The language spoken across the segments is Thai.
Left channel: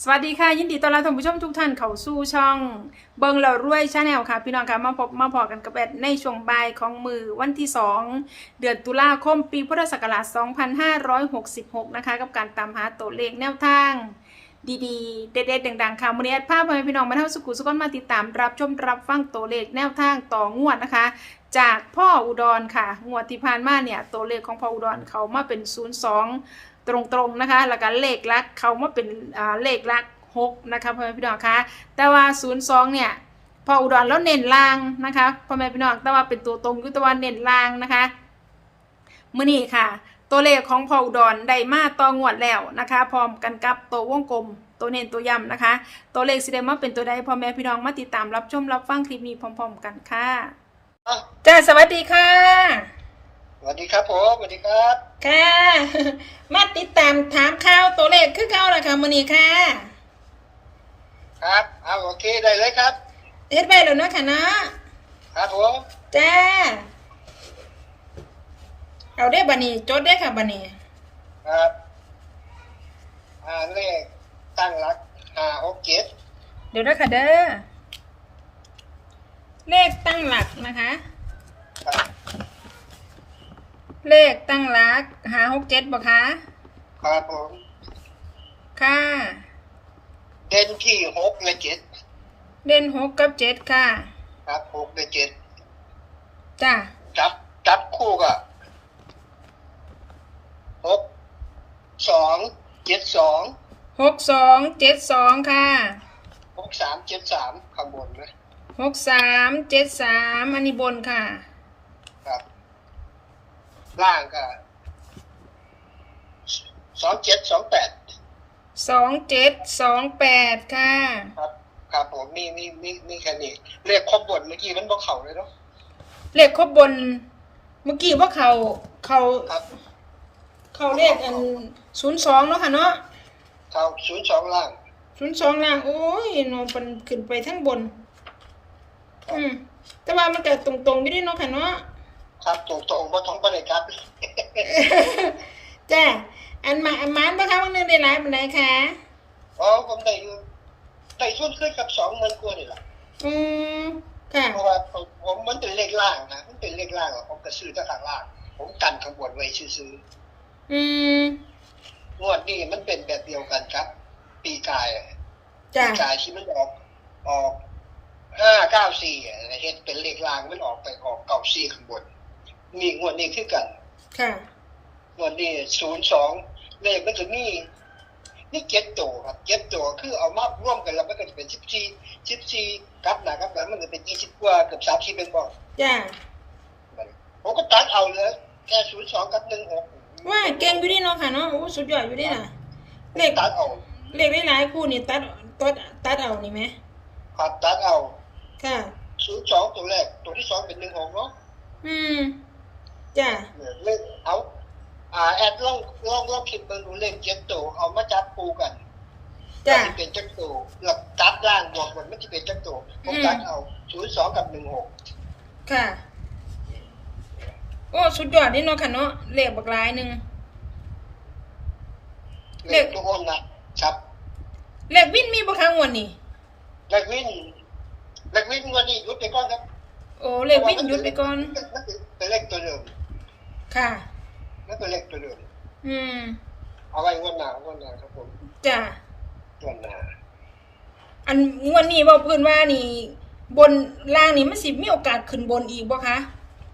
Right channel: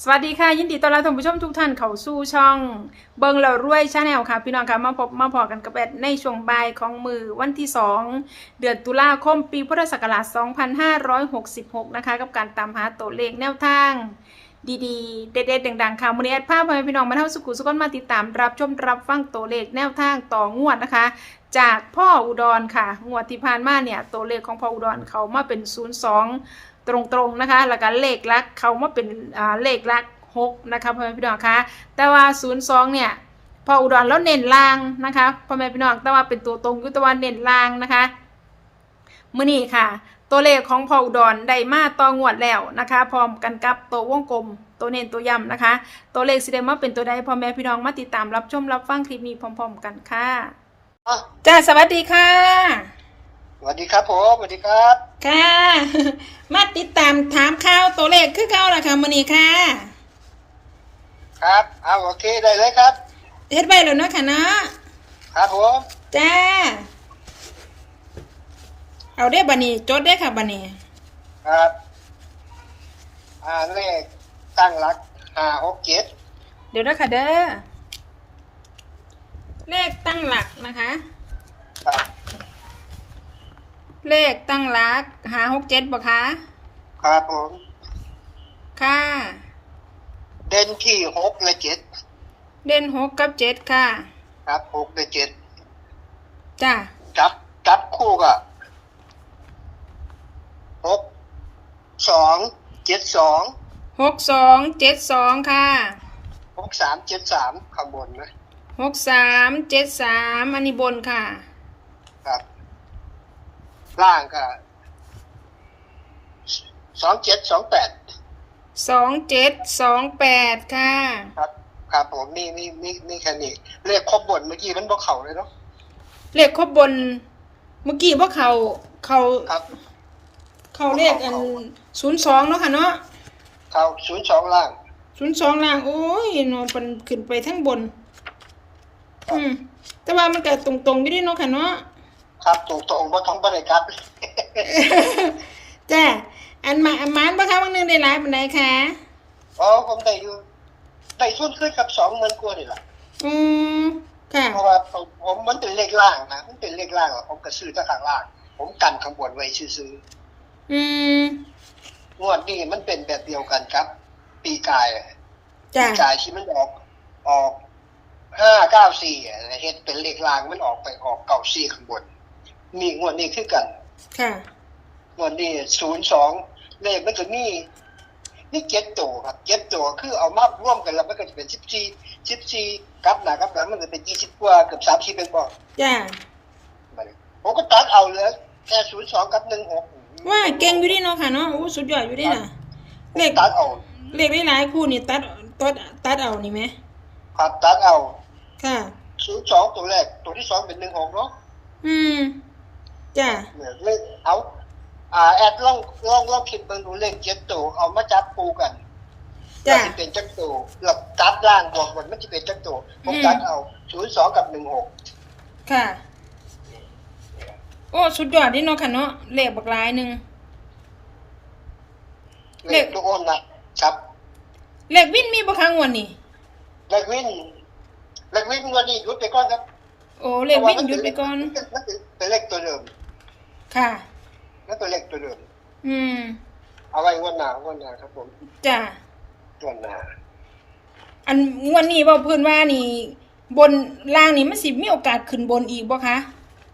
สวัสดีค่ะยินดีต้อนรับท่านผู้ชมทุกท่านเข้าสู่ช่องเบิงเรารวยชาแนลค่ะพี่น้องค่ะมาพอกันกับแอดในช่วงบ่ายของมือวันที่2เดือนตุลาคมปีพุทธศักราช2566นะคะกับการตามหาตัวเลขแนวทางดีๆเด็ดๆดังๆค่ะมื้อนี้แอดพาพ่อแม่พี่น้องมาเท่าสุขุสุขมาติดตามรับชมรับฟังตัวเลขแนวทางต่องวดนะคะจากพ่ออุดรค่ะงวดที่ผ่านมาเนี่ยตัวเลขของพ่ออุดรเขามาเป็น02ตรงๆนะคะแล้วก็เลขลักเขามาเป็นเลขลัก6นะคะพ่อแม่พี่น้องคะแต่ว่า02เนี่ยพออุดรแล้วเน้นล่างนะคะพ่อแม่พี่น้องแต่ว่าเป็นตัวตรงยุตวันเน้นล่างนะคะมื้อนี้ค่ะตัวเลขของพออุดรได้มาต่องวดแล้วนะคะพร้อมกันกับตัววงกลมตัวเน้นตัวย้ำนะคะตัวเลขสิได้มาเป็นตัวใดพ่อแม่พี่น้องมาติดตามรับชมรับฟังคลิปนี้พร้อมๆกันค่ะจ้าสวัสดีค่ะสวัสดีครับผมสวัสดีครับค่ะมาติดตามถามข่าวตัวเลขคือเก่าล่ะค่ะมื้อนี้ค่ะครับเอาโอเคได้เลยครับเฮ็ดไว้แล้วเนาะค่ะเนาะครับผมจ้าเอาได้บัดนี้จดได้ค่ะบัดนี้ครับเลขตั้งหลัก567 เดี๋ยวนะค่ะเด้อเลขตั้งหลักนะคะครับเลขตั้งหลัก567บ่คะครับผมค่ะเด่นที่6และ7 เด่น6กับ7ค่ะครับ6และ7 จ้าจับคู่ก็ 6272ค่ะ 6373ข้างบนนะ 6373อันนี้บนค่ะครับล่างก็ 2728ค่ะครับผมมีแค่นี้เลขครบบนเมื่อกี้มันบ่เข้าเลยเนาะเลขครบบนเมื่อกี้ว่าเขาครับเลข02เนาะค่ะเนาะเข้า02ล่าง 02ล่างโอ้ยเนาะมันขึ้นไปทั้งบนแต่ว่ามันก็ตรงๆไม่ได้เนาะค่ะเนาะครับตรงบ่ต้องบ่ได้ครับจ้าอันมาบ่คะวันนึงได้หลายปานใดคะผมได้ทุนขึ้นกับ20,000กว่านี่ล่ะค่ะเพราะว่าผมมันเป็นเลขล่างนะมันเป็นเลขล่างผมก็ซื้อแต่ข้างล่างผมกันข้างบนไว้ซื่องวดนี้มันเป็นแบบเดียวกันครับปีกายที่มันออก594เฮ็ดเป็นเลขล่างมันออก94ข้างบนนี่งวดนี้คือกันค่ะงวดนี้02เลขมันจะมี7ตัวครับ7ตัวคือเอามารวมกันแล้วมันก็จะเป็น14กลับหน้ากลับหลังมันจะเป็น20กว่าเกือบ30เป็นบ่จ้าผมก็ตัดเอาเลยแค่02กับ16 ว่าเก่งอยู่ดิเนาะค่ะเนาะโอ้สุดยอดอยู่ดิน่ะเลขตัดเอาเลขหลายๆคู่นี่ตัดเอานี่มั้ยครับตัดเอาค่ะ 02ตัวแรกตัวที่2เป็น16เนาะจ้าเลขเอาแอดลองคิดเบิ่งดูเลข7ตัวเอามาจับคู่กันจ้าสิเป็นจักตัวแล้วตัดล่างบวกบนมันสิเป็นจักตัวผมตัดเอา02กับ16 ค่ะโอ้สุดยอดดิเนาะค่ะเนาะเลขบักหลายนึงเลขตัวอ้นนะครับเลขวินมีบ่คะงวดนี้เลขวินงวดนี้หยุดไปก่อนครับโอ้เลขวินหยุดไปก่อนเป็นเลขตัวเดิมค่ะนั่นเป็นเลขตัวเดิมเอาไว้งวดหน้าครับผมจ้ะงวดหน้าอันงวดนี้เว้าเพิ่นว่านี่บนล่างนี่มันสิมีโอกาสขึ้นบนอีกบ่คะ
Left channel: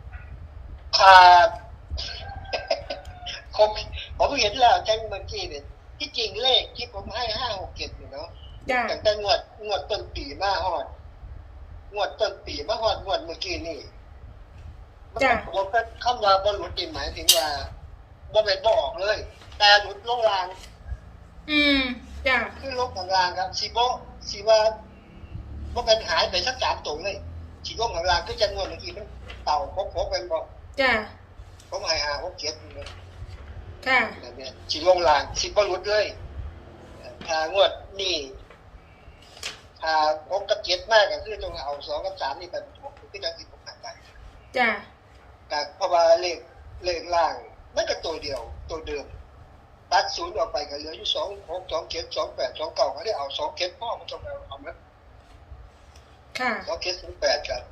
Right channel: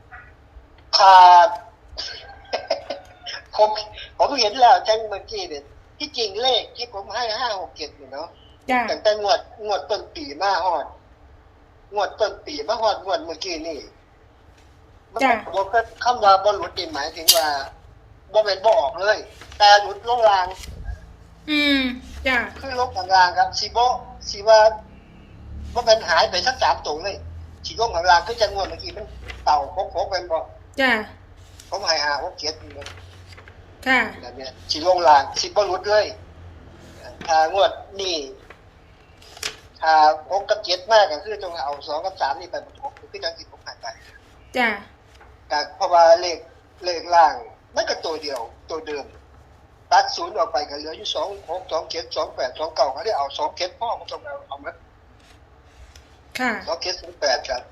ผมเห็นแล้วจังเมื่อกี้เนี่ยที่จริงเลขที่ผมให้567นี่เนาะตั้งแต่งวดต้นปีมาฮอดงวดต้นปีมาฮอดงวดเมื่อกี้นี่ผมก็คำว่าบ่หลุดนี่หมายถึงว่าบ่แม่นบ่ออกเลยแต่หลุดลงล่างจ้ะคือลงข้างล่างครับสิว่าบ่แม่นหายไปสัก3ตัวเลยสิลงข้างล่างคือจังงวดเมื่อกี้มันเต่าพกเป็นบ่จ้ะผมให้567นี่ค่ะแบบนี้สิลงล่างสิบ่หลุดเลยถ้างวดนี้ถ้า6กับ7มากก็คือต้องเอา2กับ3นี่ไปประกบคือจังสิผมให้ไปจ้ะแต่เพราะว่าเลขล่างมันก็ตัวเดียวตัวเดิมตัดศูนย์ออกไปก็เหลืออยู่26 27 28 29เขาได้เอา27พ่อมันต้องเอามั้ยค่ะ 27 08ครับ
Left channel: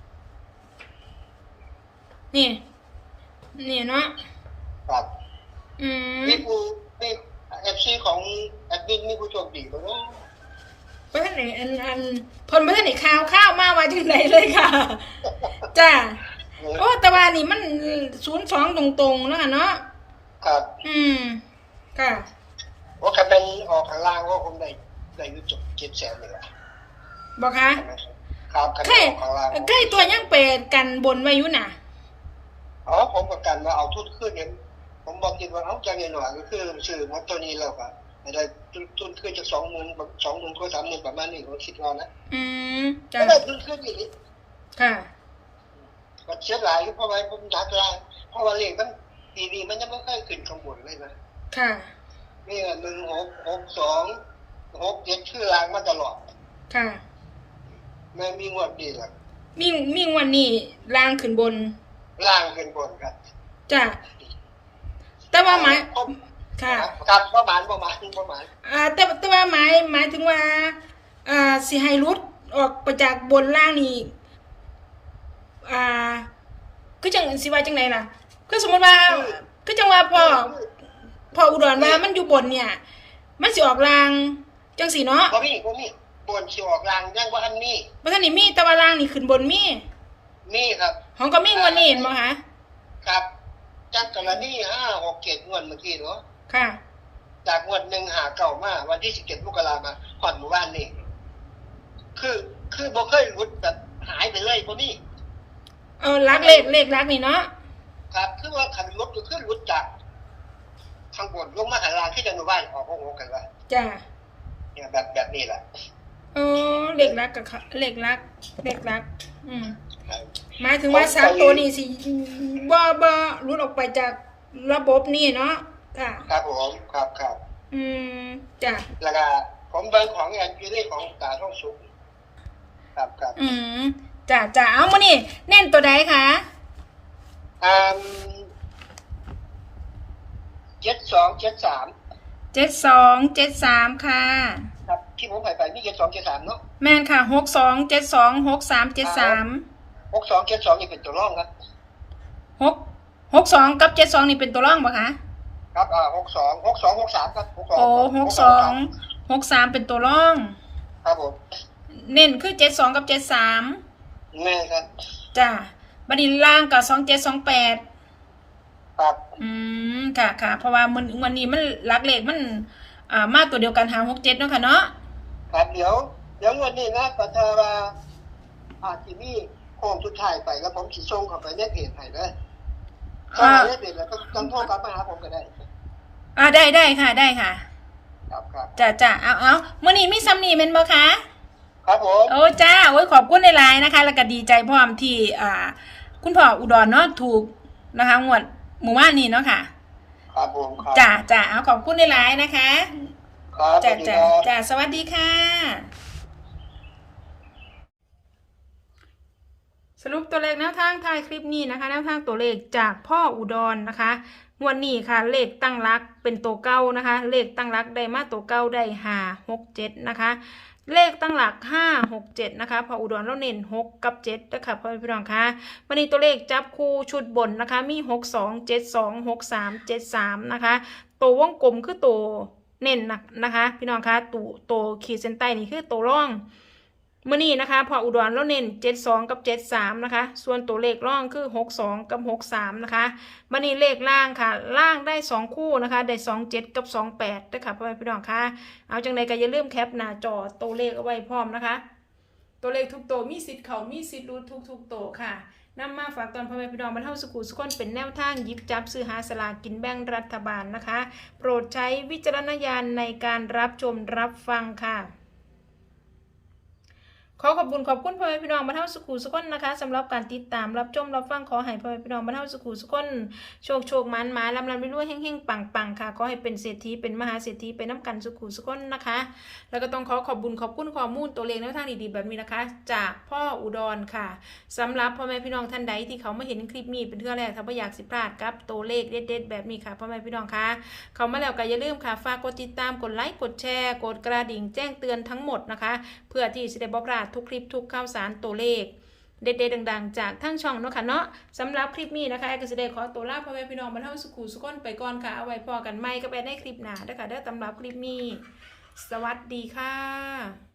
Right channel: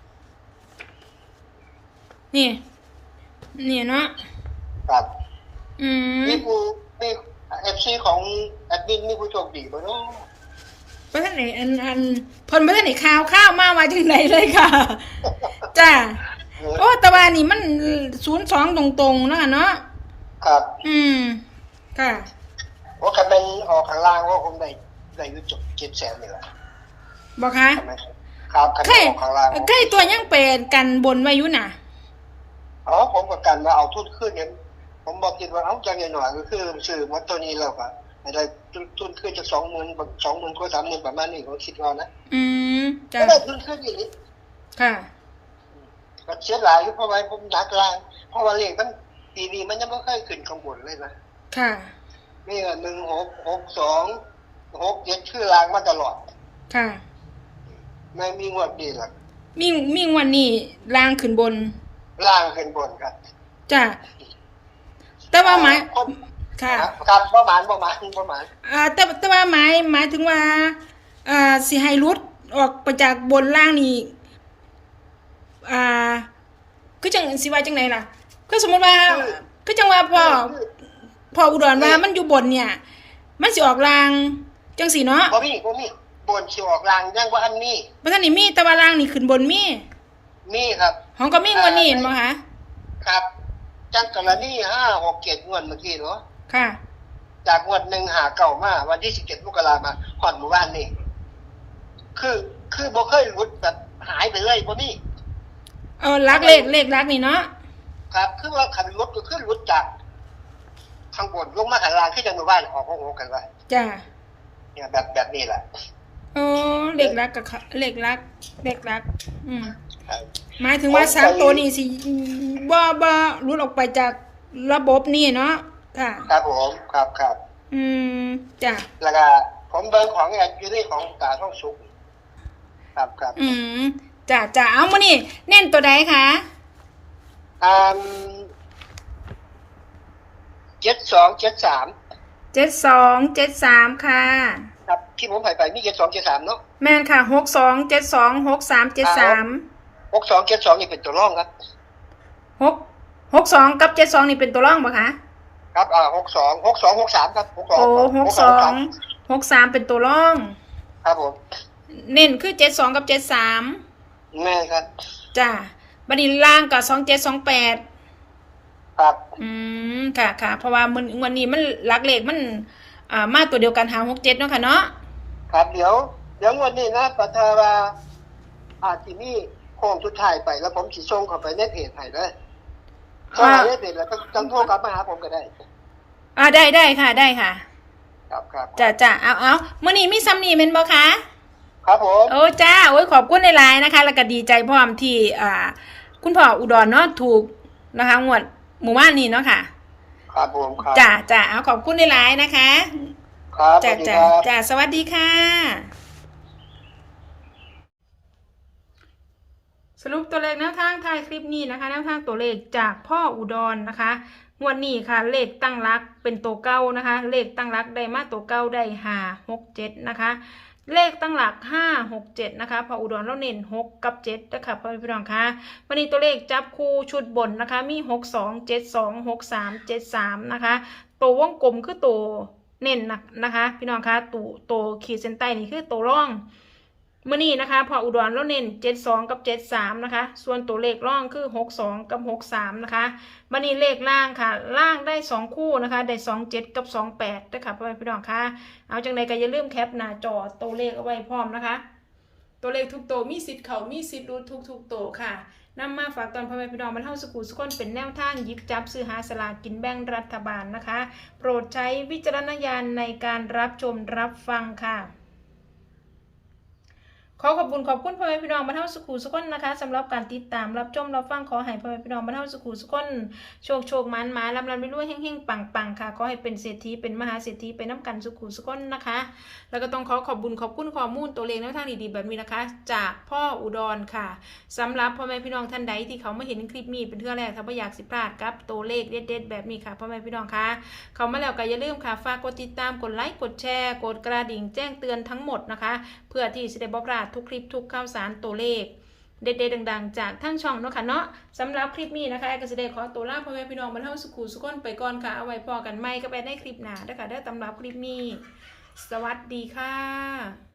นี่เนาะครับมีผู้มี FC ของแอดมินมีผู้โชคดีบ่เนาะบ่ทันได้อันเพิ่นบ่ทันได้ข่าวมาว่าจังไดเลยค่ะจ้าโอ้แต่ว่านี่มัน02ตรงๆเนาะเนาะครับค่ะว่าคันเป็นออกข้างล่างว่าคงได้อยู่จุด700,000นี่แหละบ่คะครับคันออกข้างล่างใกล้ตัวยังเป็นกันบนไว้อยู่น่ะผมก็กันว่าเอาทุนขึ้นเนี่ยผมบอกคิดว่าเอาจังหน่อยก็คือซื้อหมดตัวนี้แล้วก็ได้ทุนขึ้นจาก 20,000 20,000 ก็ 30,000 ประมาณนี้ผมคิดว่านะจ้ะได้ทุนขึ้นอีกนิดค่ะก็เสียหลายเพราะว่าผมนักล่างเพราะว่าเลขมันปีนี้มันยังบ่เคยขึ้นข้างบนเลยนะค่ะนี่1662 67ชื่อล่างมาตลอดค่ะไม่มีงวดดีหรอกมีงวดนี้ล่างขึ้นบนล่างขึ้นบนครับจ้ะแต่ว่าหมายค่ะครับประมาณแต่ว่าหมายถึงว่าสิให้รุดออกไปจากบนล่างนี่คือจังสิว่าจังได๋ล่ะคือสมมุติว่าคือจังว่าพ่ออุดรว่ามันอยู่บนเนี่ยมันสิออกล่างจังซี่เนาะบ่มีบนสิออกล่างยังบ่ทันมีบ่ทันนี่มีแต่ว่าล่างนี่ขึ้นบนมีครับของก็มีงวดนี้บ่คะครับจังกรณี5 6 7งวดเมื่อกี้เนาะค่ะจากงวด1 5 9มาวันที่17มกราคมมาฮอดหมู่บ้านนี่คือบ่เคยหลุดแบบหายไปเลยบ่มีลักเลขลักนี่เนาะครับคือว่าคันรถก็คือหลุดจากข้างบนลงมาข้างล่างคือจังหมู่บ้านออก6กันว่าจ้ะเนี่ยแบบนี้แหละเลขลักกับเลขลักหมายถึงว่า3ตัวนี้สิบ่หลุดออกไปจากระบบนี่เนาะค่ะครับผมครับจ้ะแล้วก็ผมเบิ่งของแอนอยู่ในของตาท่องสุขครับจ้ะเอามื้อนี้เน้นตัวใดคะ 7273 ค่ะครับที่ผมให้ไปมี7273เนาะแม่นค่ะ6272 6373 6272นี่เป็นตัวรองครับ 62กับ72นี่เป็นตัวรองบ่คะครับ6263ครับ 63เป็นตัวรองครับผมเน้นคือ72กับ73 แม่ครับจ้ะบัดนี้ล่างกับ2728 ครับค่ะเพราะว่าวันนี้มันหลักเลขมันมาตัวเดียวกัน567เนาะค่ะเนาะครับเดี๋ยววันนี้นะปัทว่าอาจสิมีโค้งสุดท้ายไปแล้วผมสิส่งเข้าไปในเพจให้เลยส่งในเพจแล้วก็จังโทรกลับมาหาผมก็ได้ได้ค่ะครับจ้ะเอามื้อนี้มีซ้ำนี่แม่นบ่คะครับผมโอ้จ้าโอ้ยขอบคุณหลายๆนะคะแล้วก็ดีใจพร้อมที่คุณพ่ออุดรเนาะถูกนะคะงวดหมู่บ้านนี้เนาะค่ะครับผมครับจ้าเอาขอบคุณหลายๆนะคะครับจ้าสวัสดีค่ะสรุปตัวเลขแนวทางท้ายคลิปนี้นะคะแนวทางตัวเลขจากพ่ออุดรนะคะงวดนี้ค่ะเลขตั้งหลักเป็นตัวเก้านะคะเลขตั้งหลักได้มาตัวเก้าได้567นะคะเลขตั้งหลัก567นะคะพออุดรแล้วเน้น6กับ7นะคะพ่อพี่น้องคะวันนี้ตัวเลขจับคู่ชุดบนนะคะมี62 72 63 73นะคะตัววงกลมคือตัวเน้นนะคะพี่น้องคะตัวขีดเส้นใต้นี่คือตัวร่องมื้อนี้นะคะพออุดรแล้วเน้น72กับ73นะคะส่วนตัวเลขร่องคือ62กับ63นะคะมื้อนี้เลขล่างค่ะล่างได้2คู่นะคะได้27กับ28นะคะพ่อพี่น้องคะเอาจังไดก็อย่าลืมแคปหน้าจอตัวเลขเอาไว้พร้อมนะคะตัวเลขทุกตัวมีสิทธิ์เข้ามีสิทธิ์รุดทุกตัวค่ะนำมาฝากตอนพ่อพี่น้องบรรเทาสุขุสุขคนเป็นแนวทางหยิบจับซื้อหาสลากกินแบ่งรัฐบาลนะคะโปรดใช้วิจารณญาณในการรับชมรับฟังค่ะขอขอบคุณพ่อแม่พี่น้องบรรเทาสุขุสุขคนนะคะสำหรับการติดตามรับชมรับฟังขอให้พ่อแม่พี่น้องบรรเทาสุขุสุขคนโชคมันมาลำไปรวยเฮงปังค่ะขอให้เป็นเศรษฐีเป็นมหาเศรษฐีเป็นน้ำกันสุขุสุขคนนะคะแล้วก็ต้องขอบคุณข้อมูลตัวเลขแนวทางดีๆแบบนี้นะคะจากพ่ออุดรค่ะสำหรับพ่อแม่พี่น้องท่านใดที่เขาไม่เห็นคลิปนี้เป็นเทื่อแรกถ้าไม่อยากสิพลาดกับตัวเลขเด็ดๆแบบนี้ค่ะพ่อแม่พี่น้องคะเขามาแล้วก็อย่าลืมค่ะฝากกดติดตามกดไลค์กดแชร์กดกระดิ่งแจ้งเตือนทั้งหมดนะคะเพื่อที่จะได้บ่พลาดทุกคลิปทุกข่าวสารตัวเลขเด็ดๆดังๆจากทั้งช่องเนาะค่ะเนาะสำหรับคลิปนี้นะคะก็จะได้ขอตัวลาพ่อแม่พี่น้องบรรเทาสุขุสุขคนไปก่อนค่ะเอาไว้พอกันใหม่ก็ไปในคลิปหน้าเด้อค่ะเด้อสำหรับคลิปนี้สวัสดีค่ะ